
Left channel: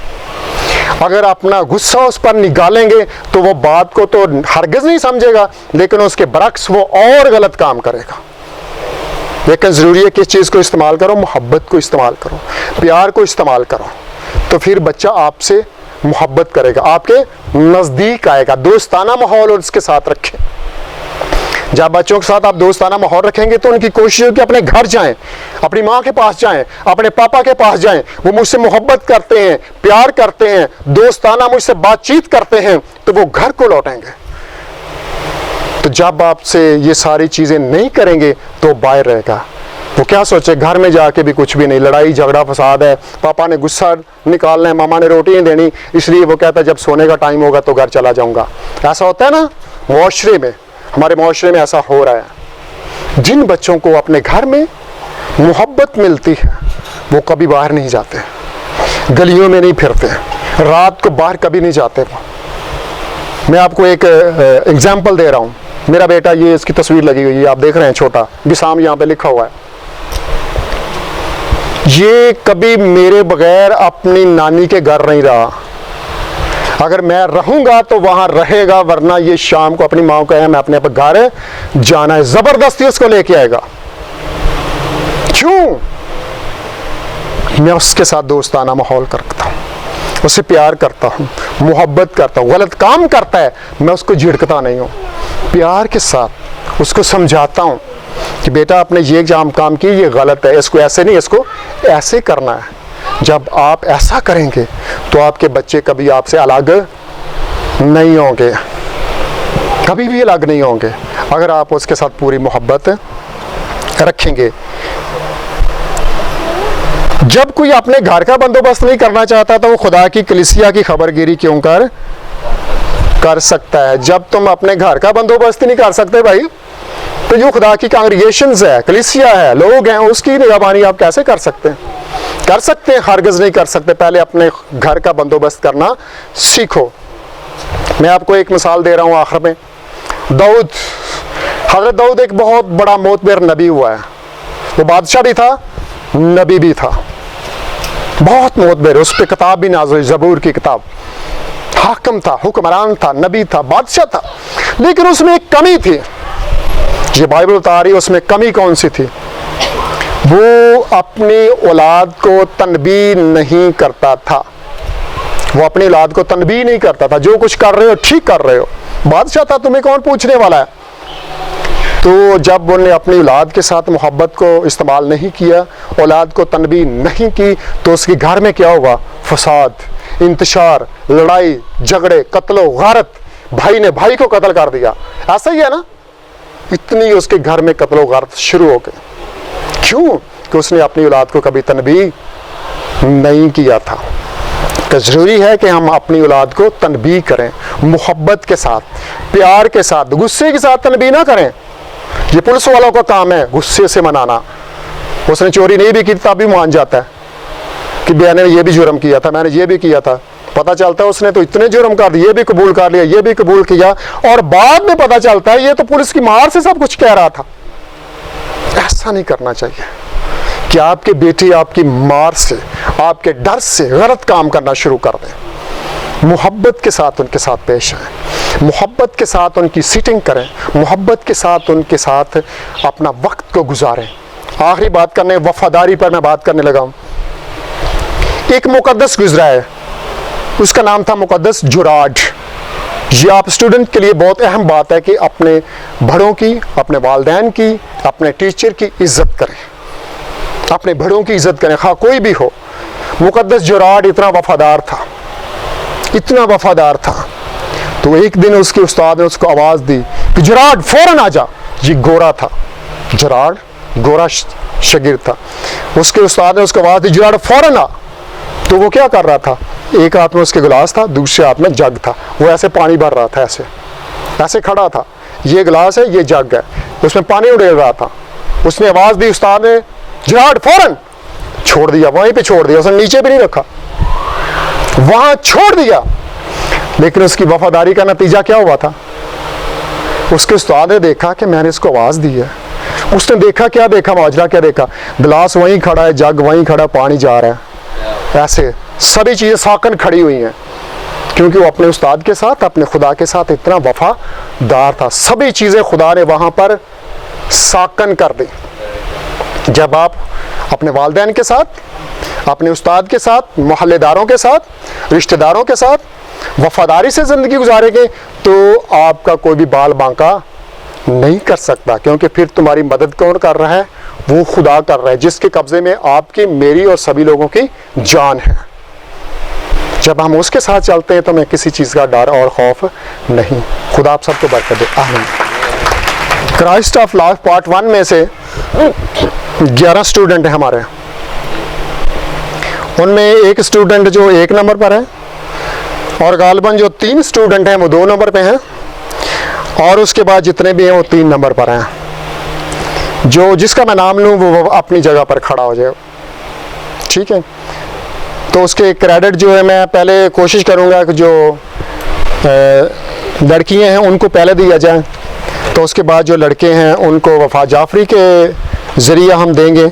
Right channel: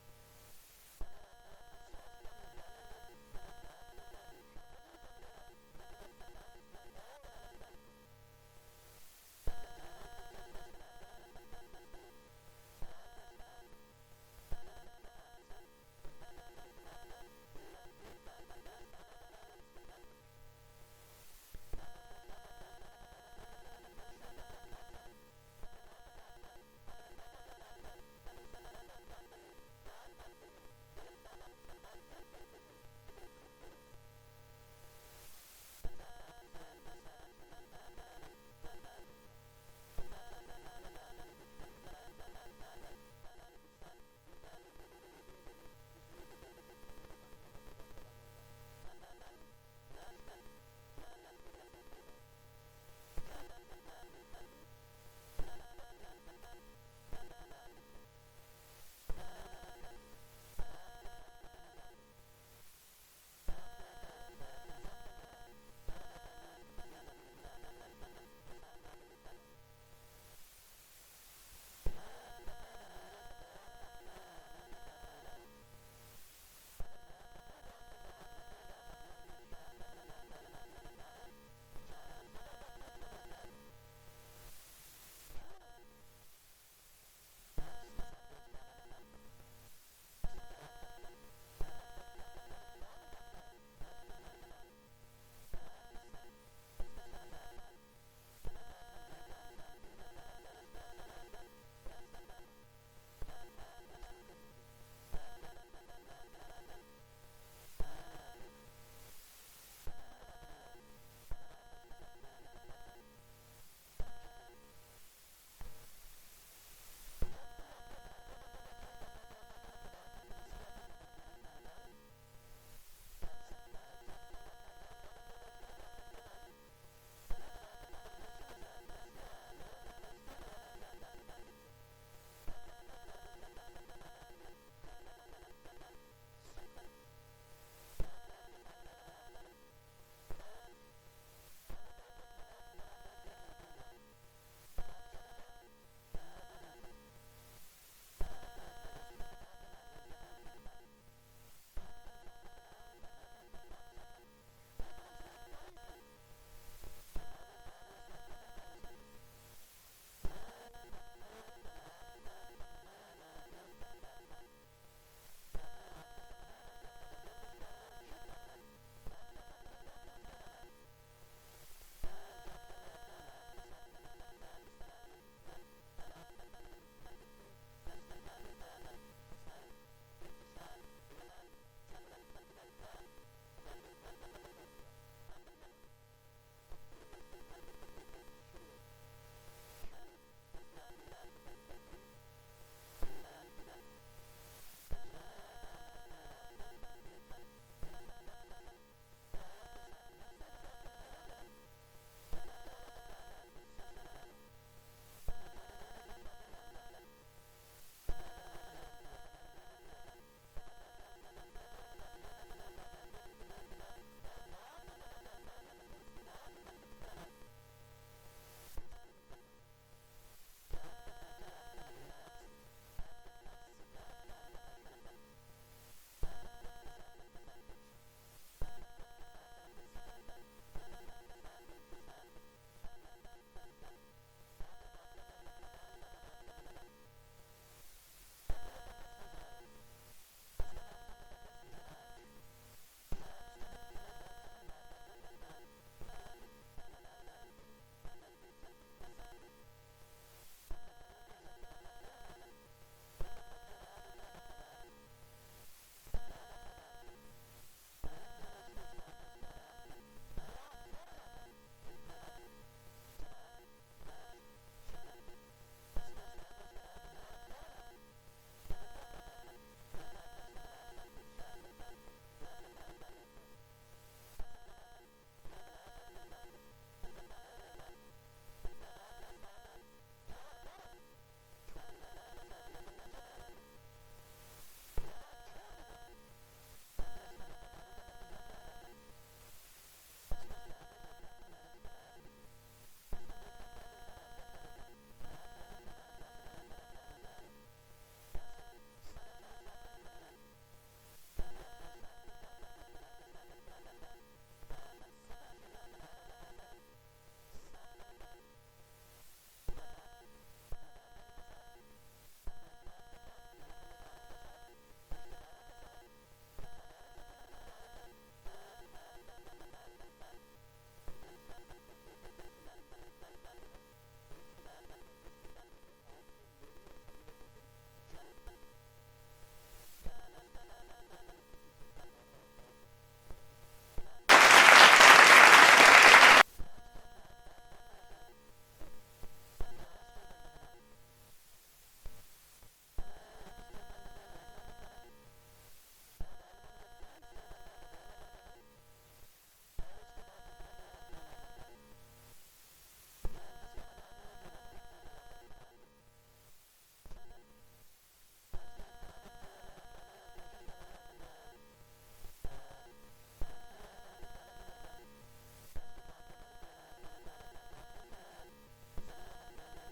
अगर अपना गुस्सा उस पर निकालेंगे तो वो बात को तो हरगिज़ नहीं समझेगा, लेकिन उसके बरक्स वो और गलत काम करेगा। लेकिन ज़रूरी है कि इस चीज़ को इस्तेमाल करो, मोहब्बत को इस्तेमाल करो, प्यार को इस्तेमाल करो, तो फिर बच्चा आपसे मोहब्बत करेगा, आपके नज़दीक आएगा। दोस्ताना माहौल उसके साथ रखें। जब बच्चों के साथ आप दोस्ताना माहौल रखेंगे तो उनकी कोशिश है कि अपने घर जाएं, अपनी माँ के पास जाएं, अपने पापा के पास जाएं, वो मुझसे मोहब्बत करते हैं, प्यार करते हैं, दोस्ताना मुझसे बातचीत करते हैं, तो वो घर को लौटेंगे। तो जब आपसे ये सारी चीज़ें नहीं करेंगे तो बाहर रहेगा, वो क्या सोचे, घर में जाके भी कुछ भी नहीं, लड़ाई झगड़ा फसाद है, पापा ने गुस्सा निकालना है, मामा ने रोटी नहीं देनी, इसलिए वो कहता है जब सोने का टाइम होगा तो घर चला जाऊँगा। ऐसा होता है ना मुआशरे में, हमारे मुआशरे में ऐसा हो रहा है। जिन बच्चों को अपने घर में मोहब्बत मिलती है वो कभी बाहर नहीं जाते, गलियों में नहीं फिरते, रात को बाहर कभी नहीं जाते। मैं आपको एक एग्जाम्पल दे रहा हूँ। मेरा बेटा, ये इसकी तस्वीर लगी हुई है, आप देख रहे हैं, छोटा बिसाम यहाँ पे लिखा हुआ है। ये कभी मेरे बगैर अपनी नानी के घर नहीं रहा, अगर मैं रहूंगा तो वहां रहेगा, वरना ये शाम को अपनी माँ को कहे मैं अपने घर जाना है, जबरदस्ती उसको लेके आएगा। क्यों? मैं उसके साथ दोस्ताना माहौल करता हूँ, उससे प्यार करता हूँ, मोहब्बत करता हूँ। गलत काम करता है मैं उसको झिड़कता नहीं हूँ, प्यार के साथ उसको समझाता हूँ कि बेटा आपने ये काम की, ये गलत है, इसको ऐसे नहीं, इसको ऐसे करना है। जब आप ऐसा करेंगे तो आपके बच्चे कभी आपसे अलग नहीं होंगे, कभी भी अलग नहीं होंगे, अगर आप उसके साथ पूरी मोहब्बत रखेंगे। जब कोई अपने घर का बंदोबस्त नहीं करना चाहता तो वो खुदा की कलीसिया की खबरगिरी क्यों कर सकता है। जब तुम अपने घर का बंदोबस्त नहीं कर सकते भाई, तो जो खुदा की कांग्रीगेशंस है, कलीसिया है, लोग हैं, उसकी निगरानी आप कैसे कर सकते हैं? कर सकते हैं? हरगिज़ नहीं कर सकते। पहले अपने घर का बंदोबस्त करना सीखो। मैं आपको एक मिसाल दे रहा हूँ आखिर में। दाऊद, हज़रत दाऊद एक बहुत बड़ा मोतबर नबी हुआ है। वो बादशाह भी था, नबी भी था, बहुत मोतबर। उस पर किताब भी नाज़िल हुई, ज़बूर की किताब। हाकिम था, हुक्मरान था, नबी था, बादशाह था, लेकिन उसमें एक कमी थी। ये बाइबल बता रही है उसमें कमी कौन सी थी। वो अपनी औलाद को तनबी नहीं करता था। वो अपनी औलाद को तनबी नहीं करता था। जो कुछ कर रहे हो ठीक कर रहे हो, बादशाह था, तुम्हें कौन पूछने वाला है। तो जब उन्होंने अपनी औलाद के साथ मोहब्बत को इस्तेमाल नहीं किया, औलाद को तनबी नहीं की, तो उसके घर में क्या हुआ? फसाद, इंतशार, लड़ाई झगड़े, कत्लो गारत। भाई ने भाई को कत्ल कर दिया। ऐसा ही है ना, इतनी उसके घर में कत्लो गारत शुरू हो गए। क्यों? कि उसने अपनी औलाद को कभी तनबी नहीं किया था। तो ज़रूरी है कि हम अपनी औलाद को तनबी करें, मोहब्बत के साथ, प्यार के साथ, गुस्से के साथ तनबी ना करें। ये पुलिस वालों का काम है गुस्से से मनाना। उसने चोरी नहीं भी की तब भी मान जाता है कि मैंने ये भी जुर्म किया था, मैंने ये भी किया था। पता चलता है उसने तो इतने जुर्म कर दिए, ये भी कबूल कर लिया, ये भी कबूल किया, और बाद में पता चलता है ये तो पुलिस की मार से सब कुछ कह रहा था। ऐसा नहीं करना चाहिए कि आपके बेटे आपकी मार से, आपके डर से गलत काम करना शुरू कर दें। मोहब्बत के साथ उनके साथ पेश आएं, मोहब्बत के साथ उनकी सीटिंग करें, मोहब्बत के साथ उनके साथ अपना वक्त को गुजारें। आखिरी बात करने, वफादारी पर मैं बात करने लगा हूँ। एक मुकद्दस गुजरा है, उसका नाम था मुकद्दस जुराड। ये आप स्टूडेंट के लिए बहुत अहम बात है कि अपने बड़ों की, अपने वालिदैन की, अपने टीचर की इज्जत करें, अपने बड़ों की इज्जत करें, हाँ कोई भी हो। मुकद्दस जुराड इतना वफादार था, इतना वफादार था। तो एक दिन उसके उस्ताद ने उसको आवाज़ दी कि जुराड फौरन आ जा। ये गोरा था, जुराड गोरा शगिर था। उसके उस्ताद ने उसको आवाज़ दी, जुराड फौरन आ। तो वो क्या कर रहा था? एक हाथ में उसके गिलास था, दूसरे हाथ में जग था। वो ऐसे पानी भर रहा था, ऐसे ऐसे खड़ा था। ये गिलास है, ये जग है, उसमें पानी उड़ेल रहा था। उसने आवाज़ दी, उस्ताद ने, जुराड फौरन। छोड़ दिया, वहीं पे छोड़ दिया, उसने नीचे भी नहीं रखा, वहां छोड़ दिया। लेकिन उसकी वफादारी का नतीजा क्या हुआ था? उसके उस्ताद ने देखा कि मैंने इसको आवाज़ दी है। उसने देखा, क्या देखा, माजरा क्या देखा? गिलास वहीं खड़ा है, जग वहीं खड़ा, पानी जा रहा है, ऐसे सभी चीज़ें साकन खड़ी हुई हैं, क्योंकि वो अपने उस्ताद के साथ, अपने खुदा के साथ इतना वफादार था। सभी चीज़ें खुदा ने वहाँ पर साकन कर दी। जब आप अपने वालिदैन के साथ, अपने उस्ताद के साथ, मोहल्लेदारों के साथ, रिश्तेदारों के साथ वफादारी से ज़िंदगी गुजारेंगे तो आपका कोई भी बाल बांका नहीं कर सकता, क्योंकि फिर तुम्हारी मदद कौन कर रहा है? वो खुदा कर रहा है, जिसके कब्ज़े में आपकी, मेरी और सभी लोगों की जान है। जब हम उसके साथ चलते हैं तो हमें किसी चीज़ का डर और खौफ नहीं। खुदा आप सबको बरकत दे, आमीन। क्राइस्ट ऑफ लाइफ पार्ट 1 में से 11 स्टूडेंट हैं हमारे। उनमें एक स्टूडेंट जो 1 नंबर पर है, और गालिबन जो 3 स्टूडेंट हैं वो 2 नंबर पे हैं, और उसके बाद जितने भी हैं वो 3 नंबर पर हैं। जो जिसका मैं नाम लूँ वो अपनी जगह पर खड़ा हो जाए, ठीक है? तो उसके क्रेडिट जो है मैं पहले कोशिश करूँगा कि जो लड़कियाँ हैं उनको पहले दिया जाए, तो उसके बाद जो लड़के हैं उनको वफा जाफरी के ज़रिए हम देंगे।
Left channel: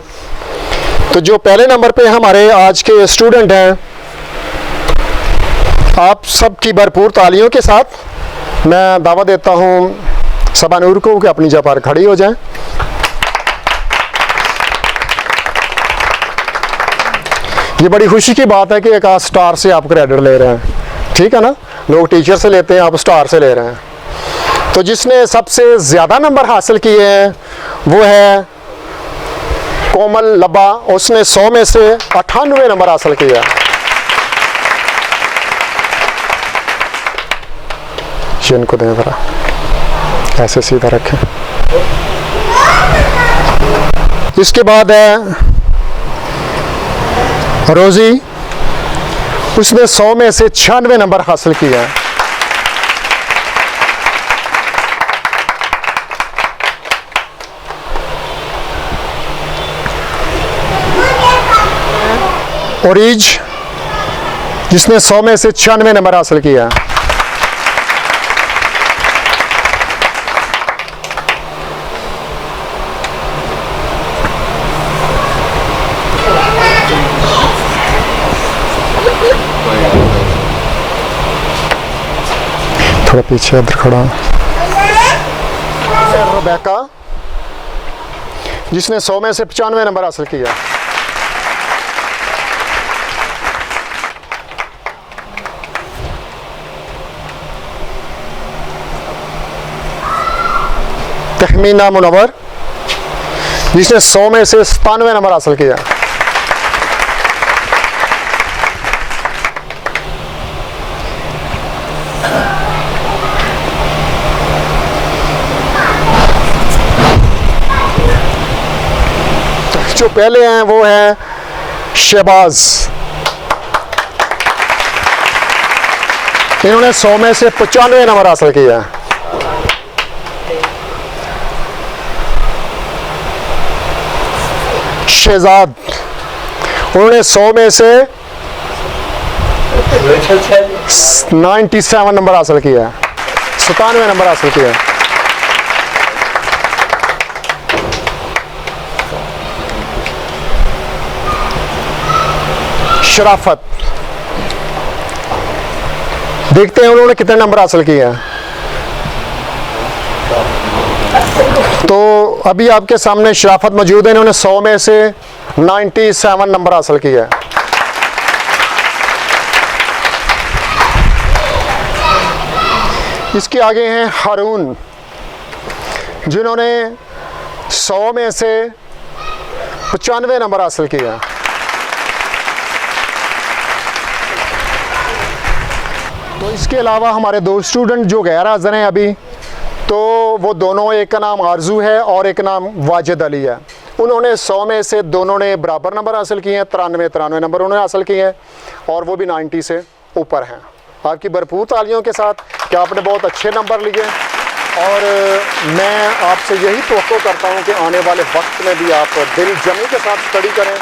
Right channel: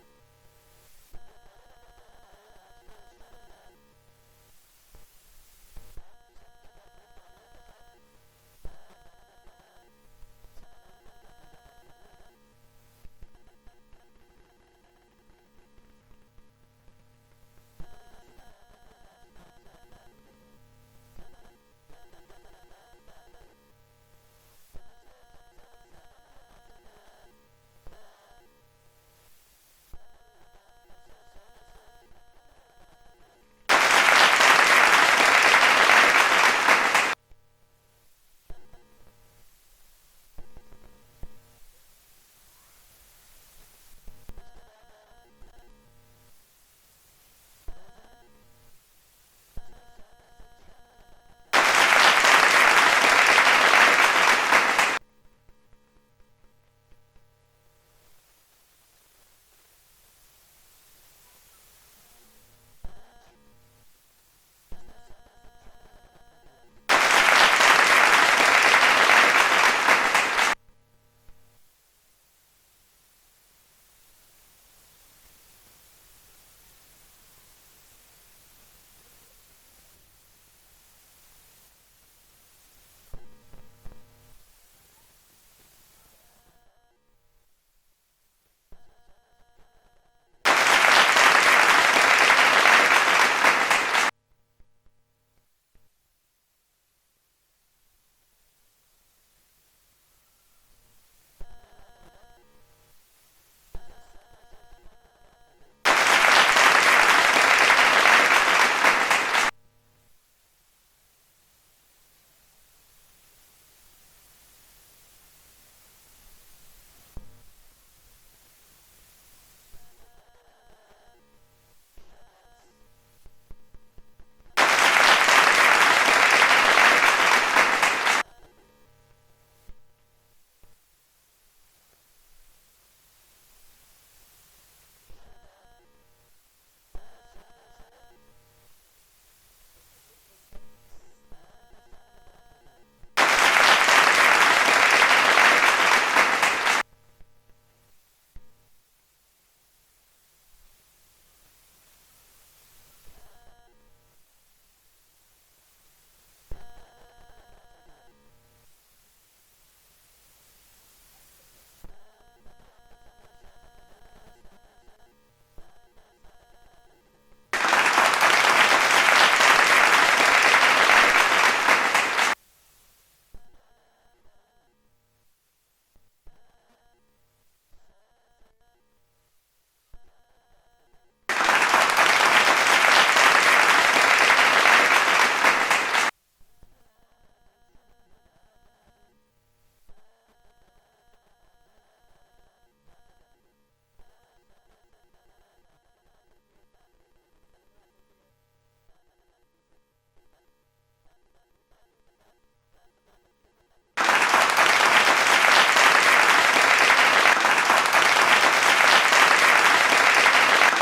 तो जो पहले नंबर पे हमारे आज के स्टूडेंट हैं, आप सबकी भरपूर तालियों के साथ मैं दावा देता हूँ सबा नूर को कि अपनी जगह पर खड़ी हो जाएं। ये बड़ी खुशी की बात है कि एक आज स्टार से आप क्रेडिट ले रहे हैं, ठीक है ना? लोग टीचर से लेते हैं, आप स्टार से ले रहे हैं। तो जिसने सबसे ज़्यादा नंबर हासिल किए हैं वो है कोमल लब्बा, उसने 100 में से 98 नंबर हासिल किया। इनको दें ज़रा, ऐसे सीधा रखें। इसके बाद है रोज़ी, उसने 100 में से 96 नंबर हासिल किया। ओरीज, जिसने 100 में से 96 नंबर हासिल किया। थोड़ा पीछे इधर खड़ा। रुबैका, जिसने 100 में से 95 नंबर हासिल किया। तहमीना मुनव्वर, जिसने 100 में से 97 नंबर हासिल किया। जो पहले हैं वो हैं शहबाज, इन्होंने 100 में से 95 नंबर हासिल किया। शहजाद, उन्होंने 100 में से 97 नंबर हासिल किया, 97 नंबर हासिल किया। शराफत, देखते हैं उन्होंने कितने नंबर हासिल किए हैं। तो अभी आपके सामने शराफत मौजूद है, इन्होंने 100 में से 97 नंबर हासिल किया है। इसके आगे हैं हारून, जिन्होंने 100 में से 95 नंबर हासिल किया। तो इसके अलावा हमारे दो स्टूडेंट जो गैर हाज़िर हैं अभी, तो वो दोनों, एक का नाम आरजू है और एक नाम वाजिद अली है। उन्होंने 100 में से दोनों ने बराबर नंबर हासिल किए हैं, 93 नंबर उन्होंने हासिल किए हैं और वो भी 90 से ऊपर हैं। आपकी भरपूर तालियों के साथ कि आपने बहुत अच्छे नंबर लिए और मैं आपसे यही तवक्को करता हूँ कि आने वाले वक्त में भी आप दिल जमी के साथ स्टडी करें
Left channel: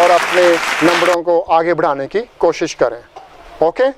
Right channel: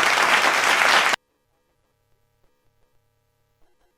और अपने नंबरों को आगे बढ़ाने की कोशिश करें। ओके।